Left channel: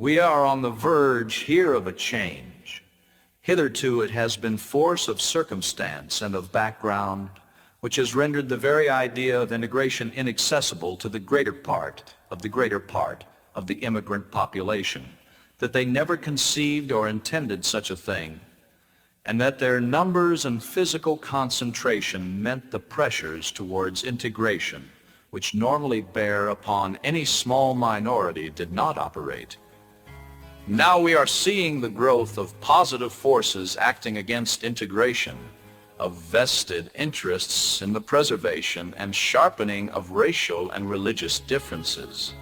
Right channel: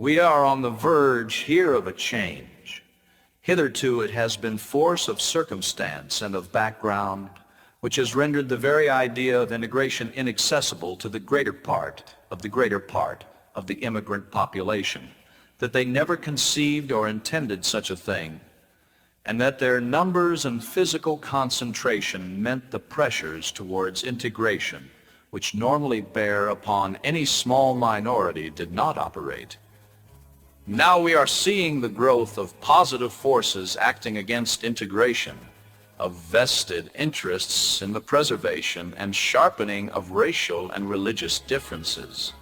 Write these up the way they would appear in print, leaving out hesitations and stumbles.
We are on the verge here of a change. Hitherto it has been force of circumstance and of background which has rendered the very idea of integration inaccessible to the greater part of the immigrant population, that they never conceived or intended such a thing, and that their numbers and physical concentration meant the pressures towards integration, which normally bear upon any small minority, did not operate. Now we are seeing the growth of positive forces acting against integration, of vested interests in the preservation and sharpening of racial and religious differences,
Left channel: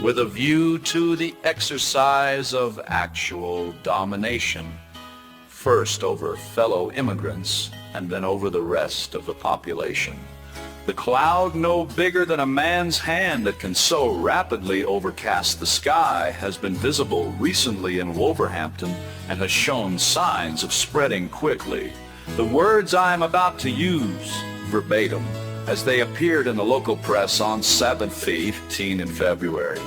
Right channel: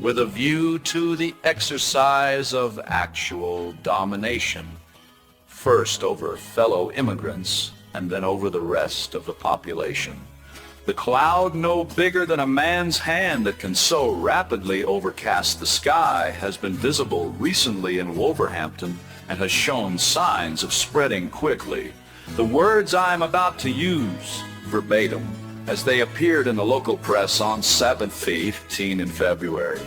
with a view to the exercise of actual domination, first over fellow immigrants and then over the rest of the population. The cloud no bigger than a man's hand that can so rapidly overcast the sky has been visible recently in Wolverhampton and has shown signs of spreading quickly. The words I am about to use, verbatim, as they appeared in the local press on Sabbath 15 in February,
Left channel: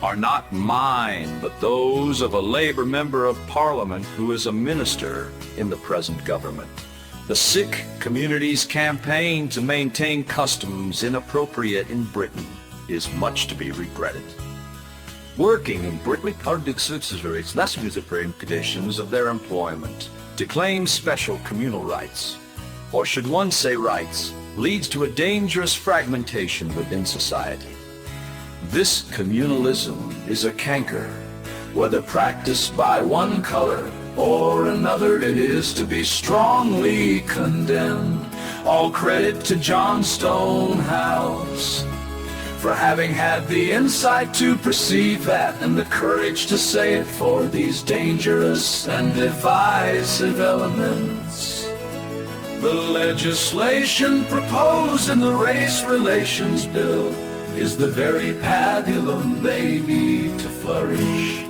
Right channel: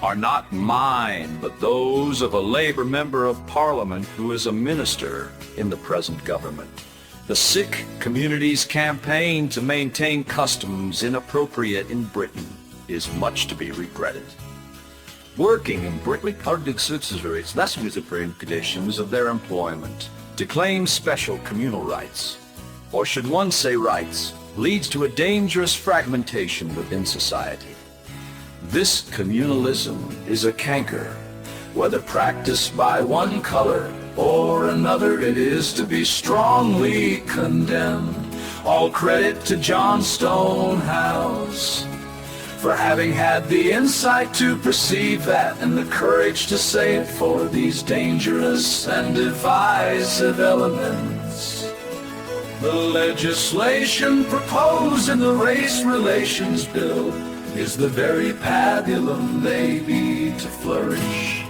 are not mine, but those of a Labour member of Parliament who is a minister in the present government. The Sikh community's campaign to maintain customs inappropriate in Britain is much to be regretted. Working in Britain, Arctic citizens lesson the conditions of their employment, to claim special communal rights, or should one say rights, leads to a dangerous fragmentation within society. This communalism is a canker. Whether practiced by one color or another, it is to be strongly condemned. All credit to John Stonehouse for having had the insight to perceive that and the courage to say it for these dangerous and divisive elements. The legislation proposed in the Race Relations Bill is the very pabulum they need to flourish.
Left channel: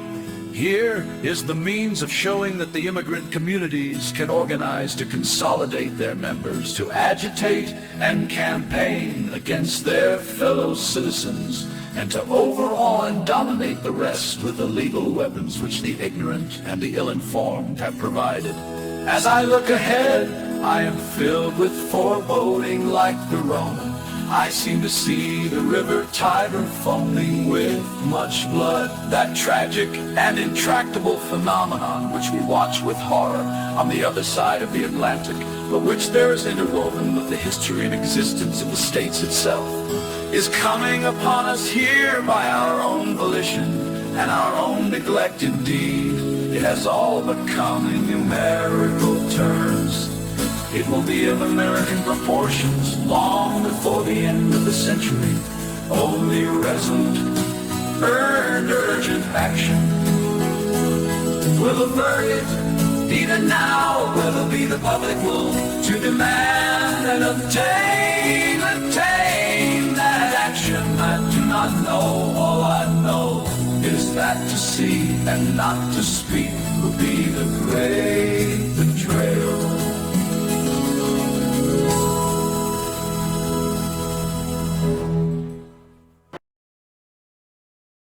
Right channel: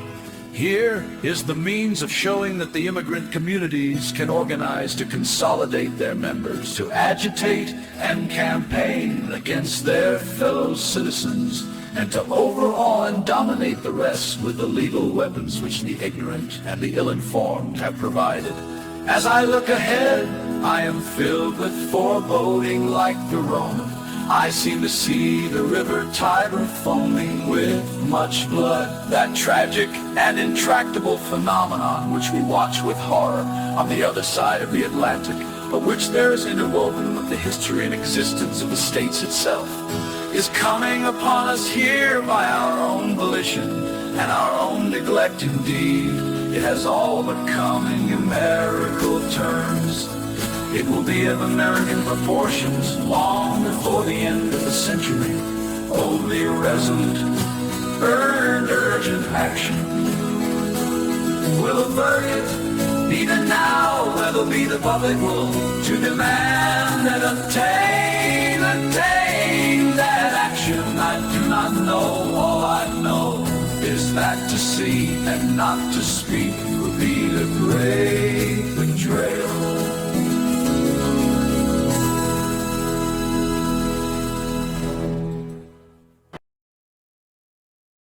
Here is the means of showing that the immigrant communities can organize to consolidate their members, to agitate and campaign against their fellow citizens, and to overawe and dominate the rest with the legal weapons which the ignorant and the ill-informed have provided. As I look ahead, I am filled with foreboding like the Roman. I seem to see the river Tiber foaming with much blood, that tragic and intractable phenomenon which we watch with horror on the other side of the Atlantic, but which there is interwoven with the history and existence of the states itself, is coming upon us here by our own volition and our own neglect indeed. It has all but come in numerical terms. It will be of American proportions long before the end of the century. Only resolute, earned, urgent action will avert it. Even now, whether be the public will to demand and attain that action. I do not know. All I know is that to see and not to speak will be the great betrayal.